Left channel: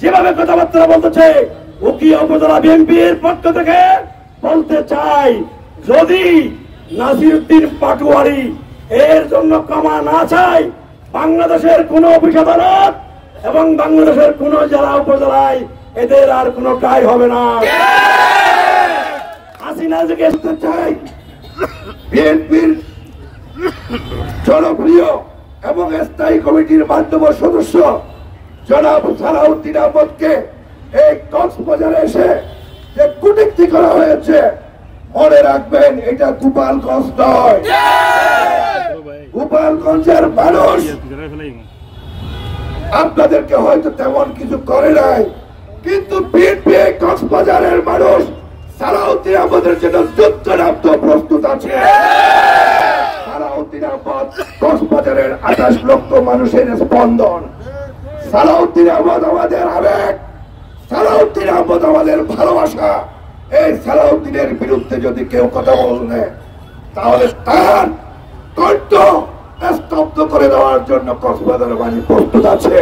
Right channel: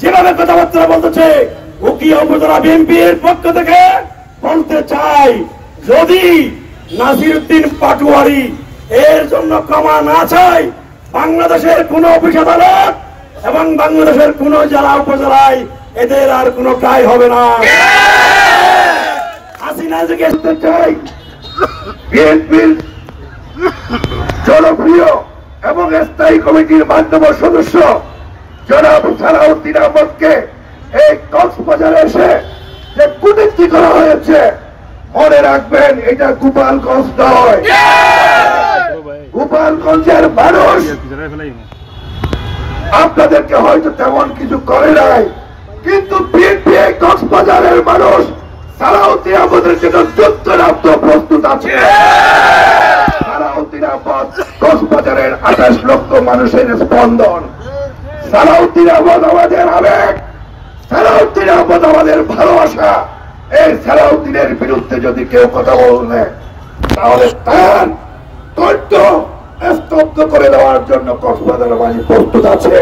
যেভাবে কথাবার্তা বলতেছে উকিয়া উপজেলা বিএনপির পক্ষ থেকে বলতে চাই, যদি নাসিরউদ্দিন পাটোয়ারি এর জন্য ক্ষমা না চাই, বাংলাদেশের কোন অফিস আদালত এবং বাংলাদেশের কোন জেলা উপজেলায় এদের আর কোন ট্রাই হবে না। হাসিনা জিজ্ঞেস করতে চাই, বিএনপির জনপ্রিয় এবং স্থায়ী কমিটির মাধ্যমে সদস্য জনাব সালাউদ্দিন আহমদকে এই কক্সবাজারে এসে যে কূটনীতি করা হয়েছে, মনে রাখবেন এটা গোপালগঞ্জ নয়। গোপালগঞ্জের মানুষ আপনাদেরকে হয়তো তেমন কিছু করে নাই, কিন্তু বিএনপি কক্সবাজারের মানুষ সালাউদ্দিন আহমদের জন্য যুদ্ধ নামতে প্রস্তুত আছে। সালাউদ্দিন আহমদ কক্সবাজারের 28 লক্ষ মানুষের স্পন্দন। সালাউদ্দিন আহমদ আমাদের আবেগ, সালাউদ্দিন আহমদ আমাদের ভালোবাসা। এই সালাউদ্দিনের বিরুদ্ধে যদি কেউ কথা বললে তাহলে তার কণ্ঠ স্তব্ধ করে দেওয়ার জন্য কক্সবাজার বাহিনী প্রস্তুত আছে।